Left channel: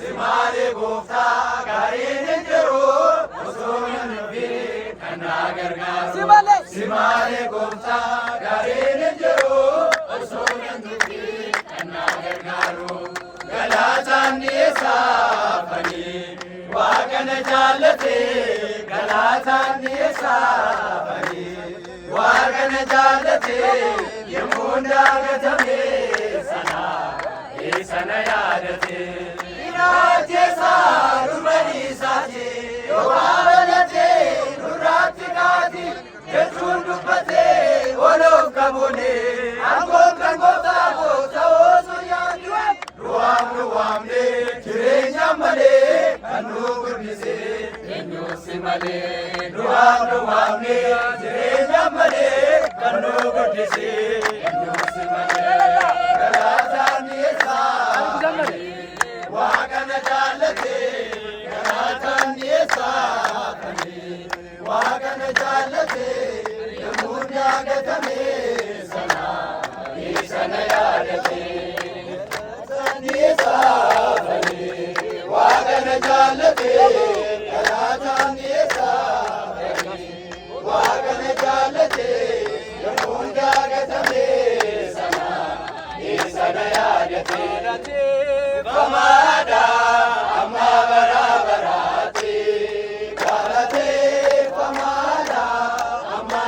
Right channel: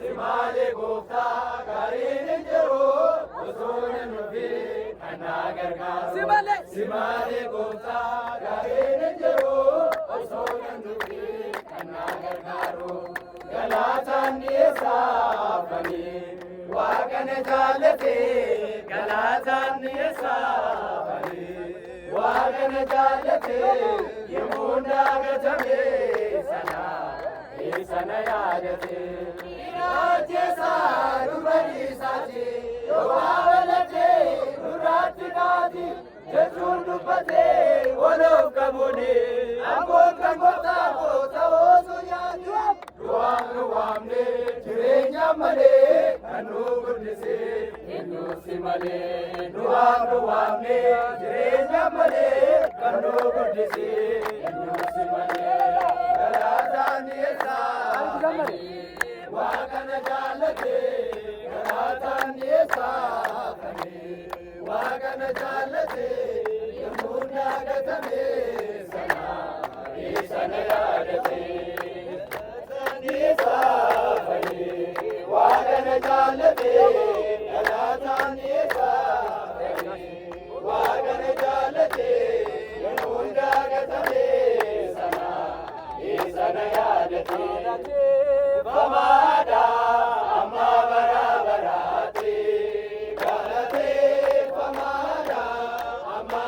Simale gofta garin jiru usulun fi kanagargaru. Simale gofta garin jiru usulun fi kanagargaru. Galatan nisa fani waqana jalate. Galatan nisa fani waqana jalate. Yemunda gatame sana sana yadate. Jesa rumani saje yobarate nurati kati jechundu pate olof kabune angom kangota kota oso yandu ruam ne jirenya male anu gurnise enyu simale ruam ne jirenya male anu gurnise enyu simale galatan yesa waqana jalate galatan yesa waqana jalate yamuna gatame sana isana yadate galatan yesa waqana jalate galatan yesa waqana jalate yamuna gatame sana isana yadate. Pamada amma barabarati galate pamada amma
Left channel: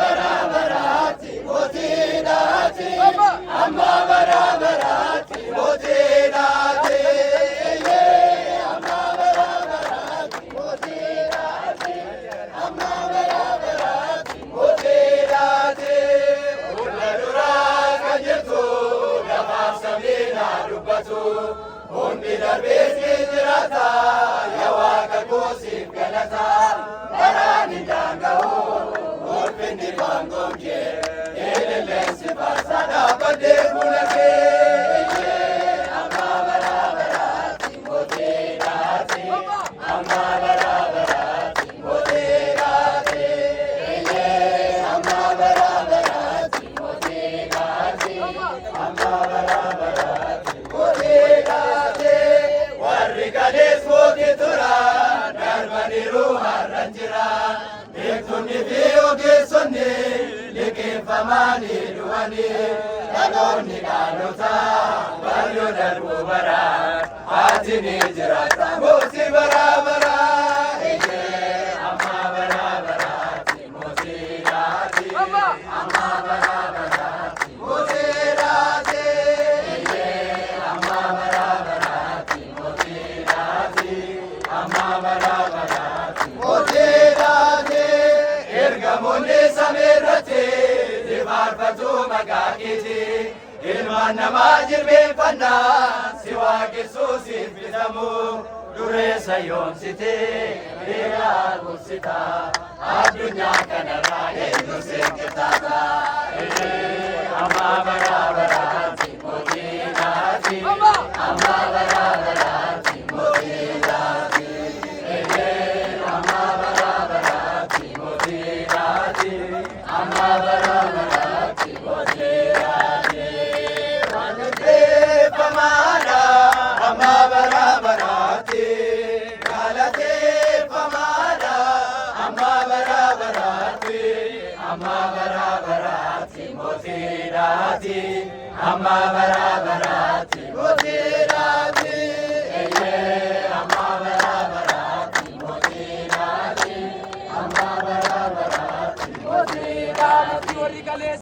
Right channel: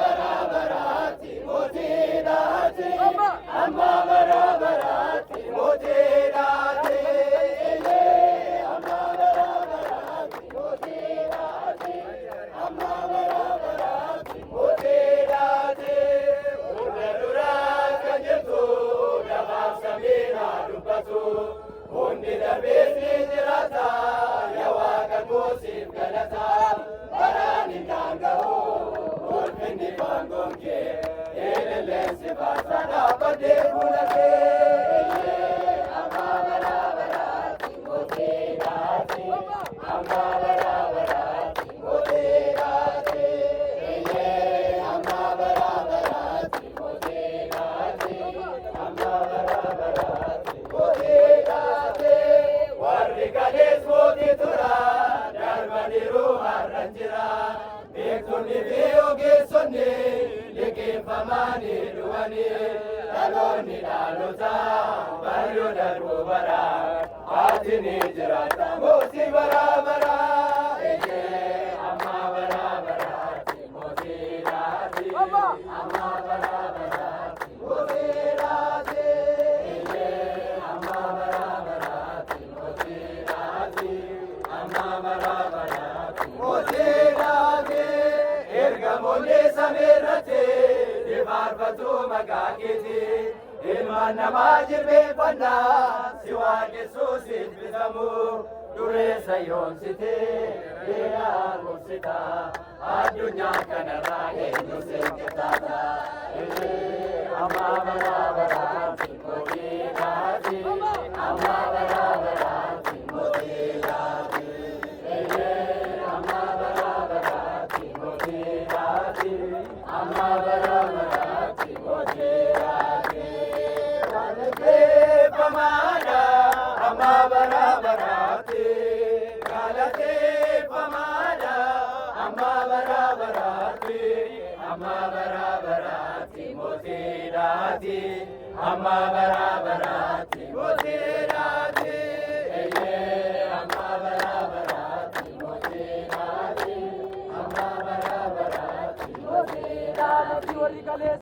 barabarati motinati amma barabarati motinati amma barabarati motinati amma barabarati motinati uladura kajetu samina dubbatu hundi darbeesni jirata yawaqa goosiif galata daraani daanga'u ulfinni maangomke eelilleensi baasa dhaabbaddee bunakee amma baraabaraati mooteedhaati amma baraabaraati mooteedhaati amma baraabaraati mooteedhaati amma baraabaraati mooteedhaati warri galees mootii turan darbaniiru har'an jira beektonni fi ogeessonni liqeeffamanii du'anii dhaloonni dhaalota baay'oo darbuu bara haati ni jiraata mootii baraabara amma baraabaraati mooteedhaati amma baraabaraati mooteedhaati amma baraabaraati mooteedhaati amma baraabaraati mooteedhaati ergamoonni sameerratti dibaarfatu maqaa keetii ilmaan namaa jilbeenfannaa si waaqessuu siif bitamu dureessa yoomsitee beekaa gursita addunyaa kanarraa eenyu seenqixaata amma baraabaraati mooteedhaati amma baraabaraati mooteedhaati amma baraabaraati mooteedhaati amma baraabaraati mooteedhaati manteeffamaadha amma baraabaraati galateeffamaadha amma baraabaraati amma baraabaraati mooteedhaati amma baraabaraati mooteedhaati